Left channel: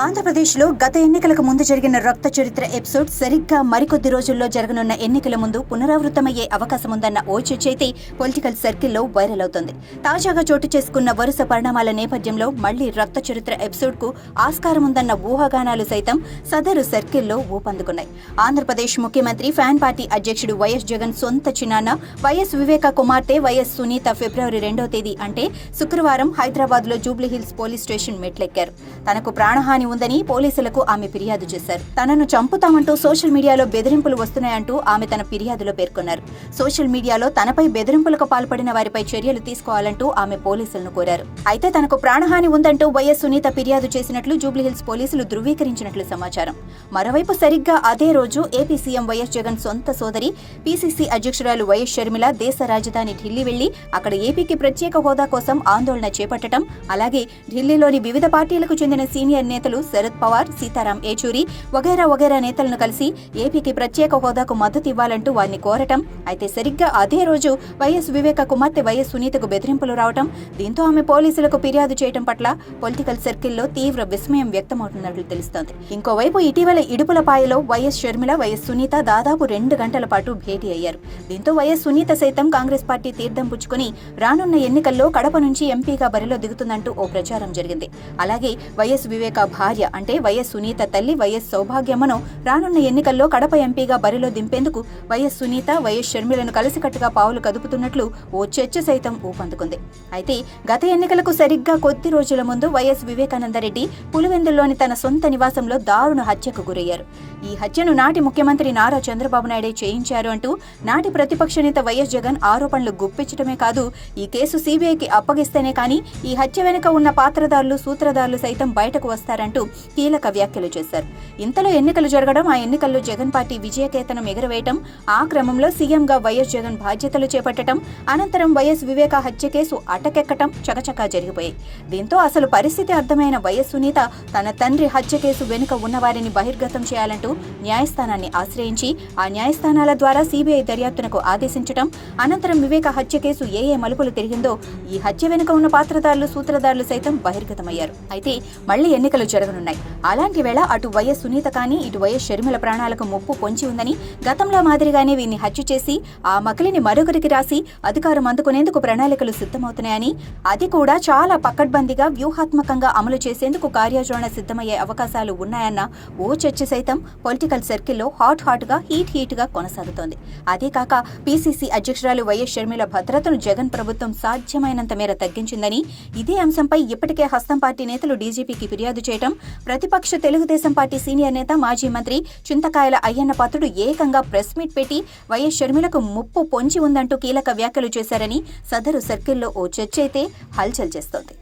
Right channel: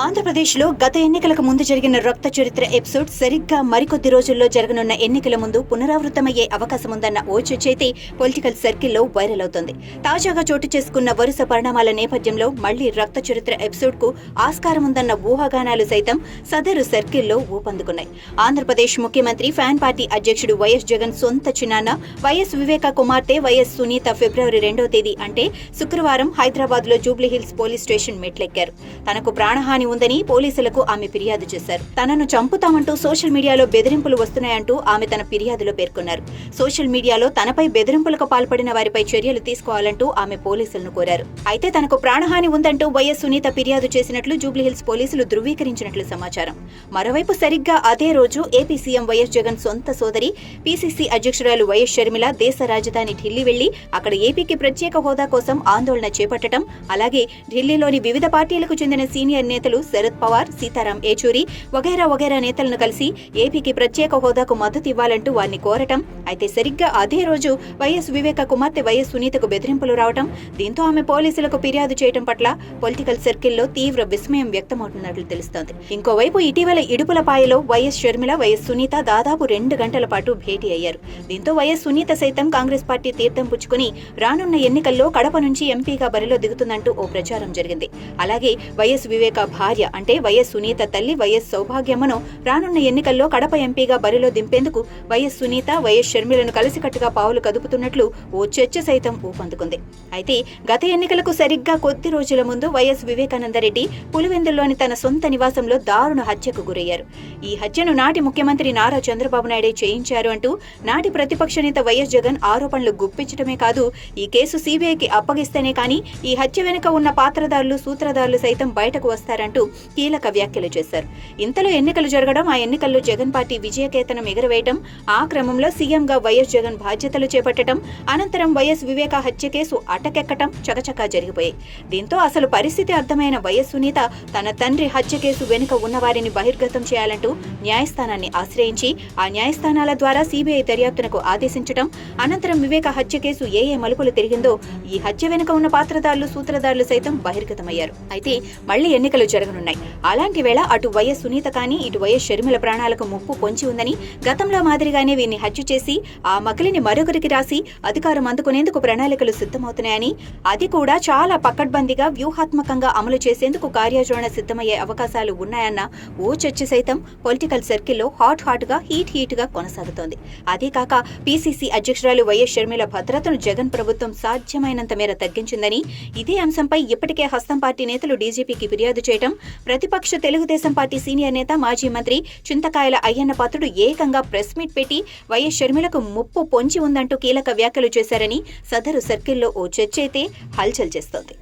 ఆంధ్రప్రదేశ్లో గత ఎన్నికలకు ముందు జరిగిన రక్త చరిత్ర ఎపిసోడ్ సరిగ్గా మరికొద్ది రోజుల్లో జరగనున్న ఎన్నికల ముందు పునరావృతమయ్యే అవకాశముందన్న ఓ చర్చైతే పొలిటికల్ సర్కిల్లో వైరల్ అవుతోంది. తాజాగా చోటు చేసుకున్న వరుస పరిణామాల నేపథ్యంలో మళ్లీ రక్త చరిత్ర ఎపిసోడ్కు ఆస్కారముందన్న ఊహాగానాలు సైతం సదరు సర్కిల్లో ఊపందుకున్నాయి. ఆంధ్రప్రదేశ్ ముఖ్యమంత్రి ఫ్యాన్ పార్టీ అధ్యక్షుడు వైఎస్ జగన్ సొంత చిన్నాన్న వైఎస్ వివేక కుమార్తె వైఎస్ సునీత ఫిబ్రవరి 2వ తేదీ అంటే శుక్రవారం హైదరాబాద్లో జూబ్లీహిల్స్ పోలీస్ స్టేషన్ మెట్లెక్కారు. తనకు ప్రాణహాని ఉందని పోలీసులకు ఆమె ఫిర్యాదు చేశారు. తనను చంపుతామంటూ సోషల్ మీడియాలో బెదిరింపులు వస్తున్నాయంటూ ఆమె తన ఫిర్యాదులో పేర్కొన్నారు. సోషల్ మీడియాలో తనపై బెదిరింపులకు పాల్పడిన వారిపై చర్యలు తీసుకోవాలంటూ ఆమె పోలీసులను కోరారు. అయితే తనకు ప్రాణహాని ఉందంటూ వైఎస్ సునీత ఫిర్యాదు చేసినట్లు జూబ్లీహిల్స్ పోలీసులు ధృవీకరించినట్లు సమాచారం. మరోవైపు సరిగ్గా అదే రోజు ఏపీ సీఎం వైఎస్ జగన్ సొంత సోదరి పీసీసీ అధ్యక్షురాలు వైఎస్ షర్మిల దేశ రాజధాని ఢిల్లీ వెళ్లి అక్కడ ఏపీకి ప్రత్యేక హోదా కోసం ఆందోళన చేపట్టడం, అలాగే ఢిల్లీలోని వివిధ పార్టీలకు చెందిన సీనియర్ నేతలు శరద్ పవార్, సీతారాం ఏచూరి వగైరా నేతలను కలిసి ఏపీకి ప్రత్యేక హోదాకు మద్దతు ఇవ్వాలంటూ వారిని కోరటం. అయితే సరిగ్గా అదే రోజు వైఎస్ వివేక కుమార్తె వైఎస్ సునీతకు బెదిరింపులు రావటం, దీంతో ఆమె పోలీసులకు ఫిర్యాదు చేయడం పట్ల పొలిటికల్ సర్కిల్లో తీవ్ర విస్మయం వ్యక్తమవుతున్నట్లు తెలుస్తోంది. ఇంకోవైపు ఇటీవల ఇడుపులపాయలో వైఎస్ షర్మిల, వైఎస్ సునీత దాదాపు 2 గంటల పాటు భేటీ అయ్యారు. దీంతో వైఎస్ సునీత సైతం కాంగ్రెస్ పార్టీ తీర్థం పుచ్చుకుని రానున్న ఎన్నికల్లో కడప నుంచి ఎంపీగా బరిలో దిగుతుందంటూ ఓ ప్రచారం జరిగింది. అలాగే వైఎస్ వివేక భార్య అంటే వైఎస్ సునీత తల్లి వైఎస్ సౌభాగ్యమ్మను రానున్న ఎన్నికల్లో కడప ఎంపీగా బరిలో దింపేందుకు వైఎస్ సునీత, వైఎస్ షర్మిలను కలిసికట్టుగా పావులు కదుపుతున్నట్లు ఓ చర్చ సైతం ఊపందుకుంది. అయితే గత ఎన్నికలకు సరిగ్గా కొద్ది రోజుల ముందు వైఎస్ వివేకానందరెడ్డి పులివెందుల్లోని తన సొంత నివాసంలో దారుణ హత్యకు గురయ్యారు. ఈ హత్యను నాటి ముఖ్యమంత్రి నారా చంద్రబాబు నాయుడే చేయించారు అంటూ నాటి ప్రతిపక్ష నేత వైఎస్ జగన్ ఆరోపణలు గుప్పించడమే కాదు, ఈ కేసు సీబీఐకి అప్పగిస్తేనే కానీ ఈ హత్య వెనుక ఉన్న పాత్రదారులు, సూత్రధారులు సైతం బయటకు వస్తారంటూ కీలక వ్యాఖ్యలు చేశారు. ఇంతలో ఎన్నికలు జరగడం, ఆ ఎన్నికల్లో జగన్ పార్టీ విజయకేతనం ఎగురవేయటం, ఆ క్రమంలో సీఎంగా వైఎస్ జగన్ బాధ్యతలు చేపట్టడం, అనంతరం వైఎస్ వివేక హత్య కేసు అటకెక్కటం చకచకా జరిగిపోయాయి. దీంతో అసలు పరిస్థితి అర్థమైన వైఎస్ సునీత తన తండ్రి హత్య కేసు వెనుక ఉన్నవారిని బహిర్గతం చేయాలంటూ న్యాయస్థానాన్ని ఆశ్రయించి ఆ న్యాయస్థానాల ద్వారా సీబీఐ దర్యాప్తునకు ఆదేశించటం, అనంతరం వివేక హత్య కేసు ఏ మలుపులు తిరిగిందో, ఈ హత్య వెనుక ఉన్న పాత్రదారులు, సూత్రధారులు సైతం బహిర్గతమయ్యారు. అయితే మళ్లీ ఎన్నికలు జరగనున్నాయి. అలాంటి వేళ అటు వైఎస్ సునీత కానీ ఇటు వైఎస్ షర్మిల ప్రాణాలకు ముప్పు పొంచి ఉందని, గతంలో మాదిరిగానే వీరిని హత్య చేసి ఆ మకిలిని మరొకరికి రాసి అధికారం అందుకునేందుకు ప్రణాళికలు సిద్ధమవుతున్నాయని, అది కూడా చాలా పకడ్బందీగా వ్యూహాత్మకంగా అమలు చేసేందుకు కార్యాచరణ సిద్ధమయ్యే అవకాశాలు ఉన్నాయన్న ఓ చర్చ సైతం పొలిటికల్ సర్కిల్లో హాట్ గా హీట్ గా కొనసాగుతోంది. అదే కాక పీసీసీ అధ్యక్షురాలు వైఎస్ షర్మిల భద్రతను జగన్ ప్రభుత్వం సాధ్యమైనంత మేర తగ్గించిందని, ఇదే అంశంపై ఇప్పటికే హస్తం పార్టీ నేతలు డీజీపీకి ఫిర్యాదు చేయడం, ప్రతిపక్ష తెలుగుదేశం పార్టీ సీనియర్ నేత మాజీ మంత్రి చింతకాయల అయ్యన్న పాత్రుడు ఏకంగా ప్రెస్ మీట్ పెట్టి వైఎస్ షర్మిలకు ముప్పు పొంచి ఉందంటూ కీలక వ్యాఖ్యలు చేశారని సదరు సర్కిల్లో ఓ చర్చ అయితే హల్చల్ చేస్తోంది.